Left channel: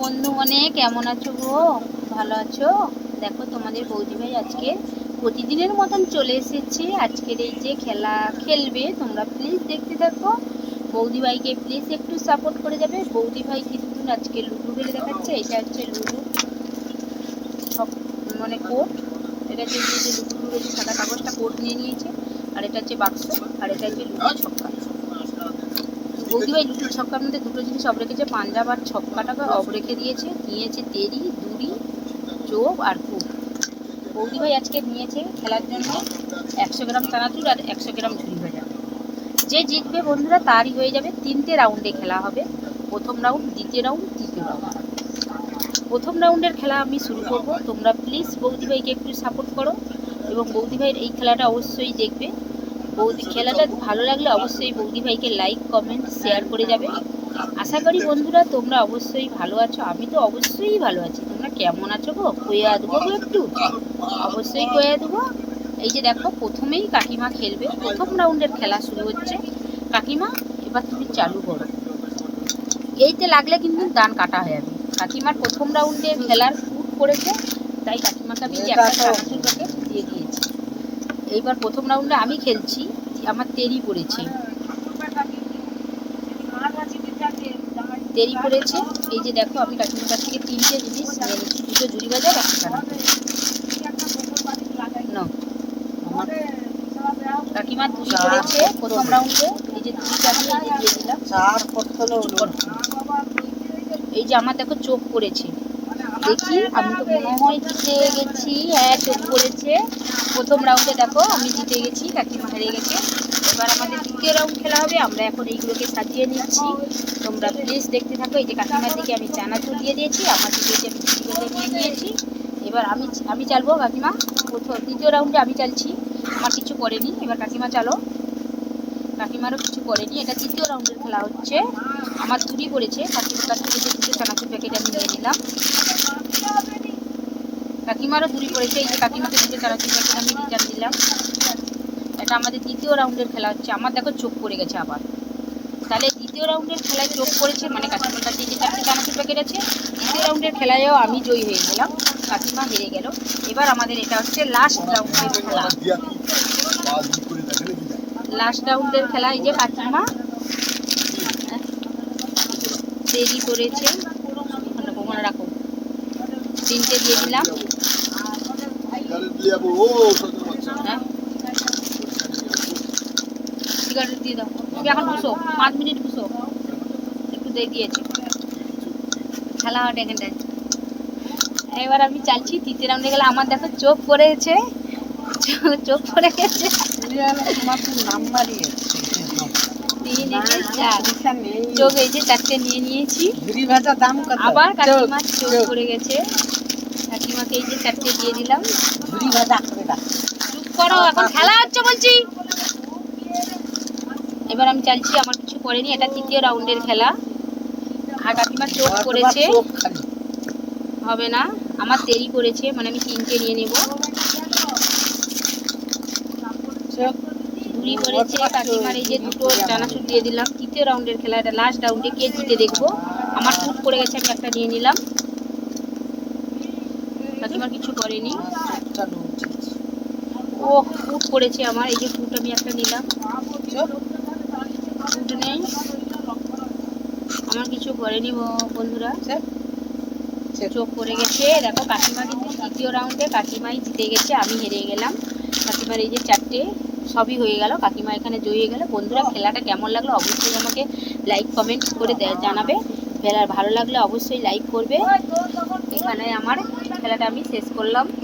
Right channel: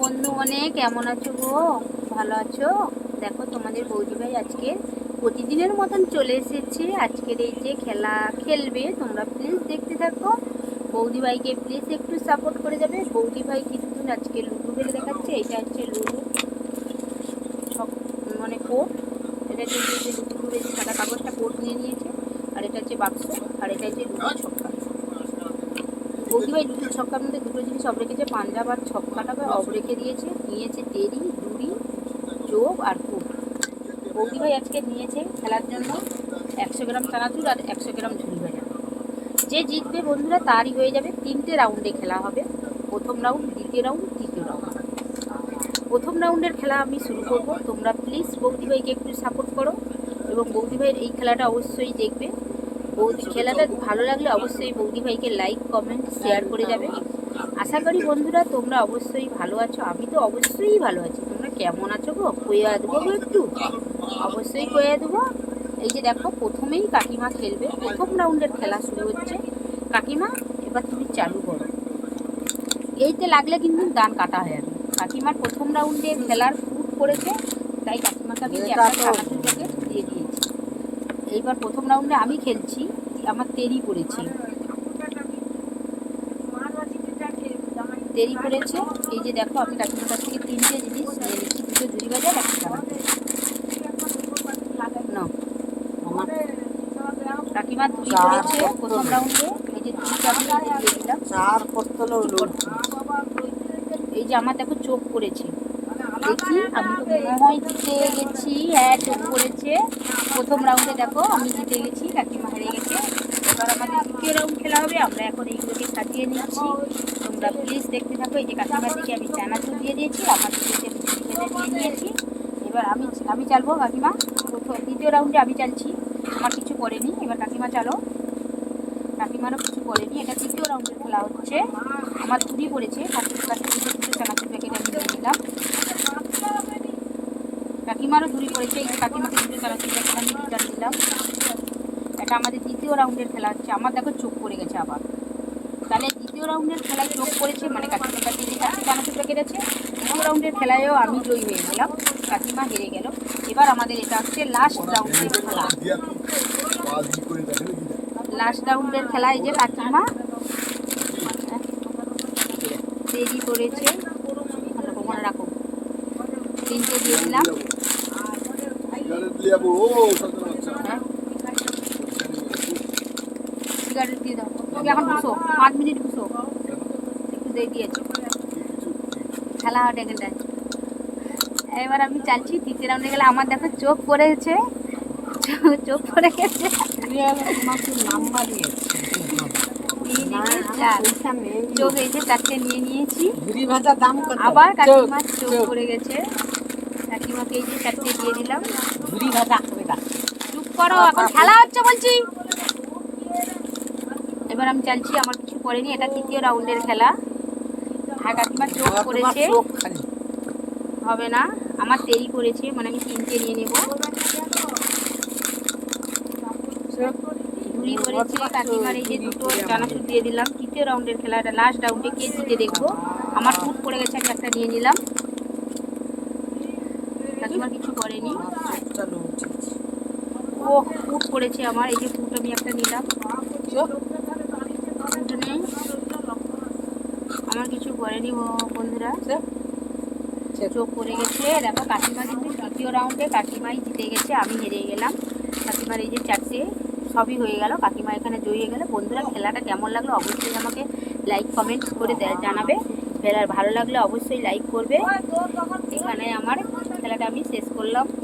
বন্ধু মনে কেমন আছো গো? ভালো আছো? দেখো তোমাদের বৌদি ভাই আজকে প্রতিদিনের মতন চলে এসেছে। আজকের এই যে খেলা খেলবে, তোমরা প্লিজ দেখতে থাকো। বৌদি ভাইকে প্লিজ একটু সাপোর্ট করে যাবে। বৌদি ভাই কিছুদিন আজকে লুডু খেলে দেখাচ্ছে, এটা হচ্ছে লুডু মানে কোট এটা হচ্ছে যে সাদা কাগজটা কোট নিয়ে নিয়েছে, আর এটা হচ্ছে বাক্স, আর এটা হচ্ছে লুডু ছক্কা। বৌদি ভাই লুডু ছক্কার মধ্যে দুটো জিনিস অফ রেখেছে, পাঞ্জাব আর ছক্কাটাকে অফ রেখে দিয়েছে, নিয়েছে তেরি, দুরি চোখ আর কুপ বৌদি ভাই আজকে নিয়েছে খেলার জন্য একশো গ্রাম চানাচুর আর একশো গ্রাম ঝুল ভাজা। যে জিতবে বন্ধুরা তারই হয়ে যাবে তিনটে রাউন্ডে খেলা হবে। প্রথম রাউন্ড, দ্বিতীয় রাউন্ড, তৃতীয় রাউন্ড। প্রথম রাউন্ডের খেলা আমি শুরু করব। তোমরা প্লিজ বৌদি ভাইকে একটু সাপোর্ট করো এবং বৌদি ভাইয়ের এই খেলাটা অবশ্যই দেখবে। বৌদি খেলাটা ভালো লাগলে অবশ্যই বৌদি ভাইকে লাইক কমেন্ট শেয়ার করে যাবে। আশা করি বন্ধুরা তোমরা অবশ্যই ভালো আছো আমি তো অবশ্যই ভালো আছি। তোমরা কেমন আছো গো? কইয়া দেবো গো একটু? অবশ্যই কইয়া দেবো। এই যে দেখো প্রথমেই কাকিমা খেলবে। প্রথম রাউন্ডের খেলা শুরু হচ্ছে। কাকিমা এবার তুমি চালু করো। এইতে লাগলে কিন্তু গান কাটা হয়ে যাবে। কাকিমার প্রথম রাউন্ডে খেলার ফুট করেছে তাই কাকিমাকে আমি যে একটা চানাচুর প্যাকেট দিয়ে দিয়েছি এইবার প্রথম রাউন্ডে আমি খেলছি আমার তেরি পড়েছে। দেরি পড়েছে এই যে দেখো আমি কাকিমার কাছ থেকে তিনটে জিনিস নিয়ে নিচ্ছি দুটো ঝুড়ি বাজার একটা দুটো পড়েছে প্রথম রাউন্ডে এই যে দুটো দিয়ে দিলাম। এই যে আমার দেখো চোখ পড়েছে। দেখি, আমি তো মনে হয় জিতে গেছি হ্যাঁ চোখ পড়েছে প্রথম রাউন্ডে দেখো, আমি জিতে গেছি কাকিমা হেরে গেছে। এবার আমাদের দ্বিতীয় রাউন্ড খেলা হবে, আমরা এখন এইগুলোকে সাজিয়ে নিচ্ছি। তোমরা প্লিজ দেখতে থাকো, এই যে কাকিমার দিকে আমি চানাচুর দিয়ে দিয়েছি, আমার দিকে যে আমি নিয়ে নিয়েছি এবার আমি আমি চালবো কাকিমা, প্রথম, দ্বিতীয় রাউন্ডে আমি চালছি। আমার কিছু করেনি, এবার কাকিমা চালো। কাকিমারও কিছু করেনি, এটা তৃতীয় রাউন্ডের খেলা হচ্ছে। আমার চুরি পড়েছে, কাকিমার কাছ থেকে দুটো চানাচুর প্যাকেট আমি নিয়ে নিলাম কাকিমারও দূরি পড়েছে এই যে কাকিমাকে চানাচুর প্যাকেট আমি রিটার্ন দিলাম। এটা আমাদের দ্বিতীয় রাউন্ডের খেলা হচ্ছে। আমার দেখো চোখ পড়ে গেছে আবার। তাহলে দ্বিতীয় রাউন্ডের খেলায় চোখ পড়েছে মানে কাকিমার কাছে যে চারটে চানাচুর আছে দ্বিতীয় রাউন্ডের খেলায়ও আমি জয়ী হয়ে গেলাম। কাকিমা হেরে গেল। এবার আমাদের এটা হচ্ছে লাস্ট রাউন্ডের খেলা। লাস্ট রাউন্ডের খেলা এই যে কাকিমা দেরি করেছে। রাখো, তিনটে দিয়ে দিলাম। সিগারেট দিয়ে দাও তুমি এখন বসো পাঁচ মিনিট বসো একটু দিয়ে দিয়েছে খেলা হবে এখানটায় এবার আমি চালছি তৃতীয় রাউন্ডে গেলে আমার দেখো চোখ পড়েছে চোখ- পড়ে গেছে চোখ এই যে চারটে নিয়ে নিয়েছি। দাম আবার কাকিমার চোখ পড়ে গেছে। এই যে চারটে দিয়ে দিলাম। ঝুড়ি ভাজা চুপ করো এখন খেলা হচ্ছে বলছি। এবার আমি চাইছি আমার কিছু করেনি এটা তৃতীয় রাউন্ডের খেলা। আর কাকিমার চোখ খালি। হবে না আমার দেরি করেছে মানে আমি তিনটে নিয়ে নেব। ঘুরি পড়েছে কাকিমার এই যে দুটো চানাচুর দিয়ে দিলাম। তৃতীয় রাউন্ডের খেলা এটা লাস্ট রাউন্ডে কে জিতে দেখব। আমার ফুট পড়ে গেছে আমি একটা নিয়ে নিলাম। কাকিমার কিছু করেনি। ও ফুট পড়েছে আমার এই যে ফুট আমি একটা নিলাম। নেই। আমার কিছু করেনি বন্ধুরা। চোখ পড়ে গেছে। দেখো কাকিমা কিন্তু তৃতীয় রাউন্ডে কাকিমাই জিতে গেছে আমি হেরে গেলাম। কাকিমার এই যে চারটে সবই হয়ে গেল। কাকিমা এখানে জয়ী হয়ে গেল। বন্ধুরা খেলাটা কেমন লাগল অবশ্যই আমাকে লাইক কমেন্ট করে জানাবে। খেলার ভালো লাগলে অবশ্যই লাইক করবে। এখানে আমার খেলাটা আমি শেষ করলাম।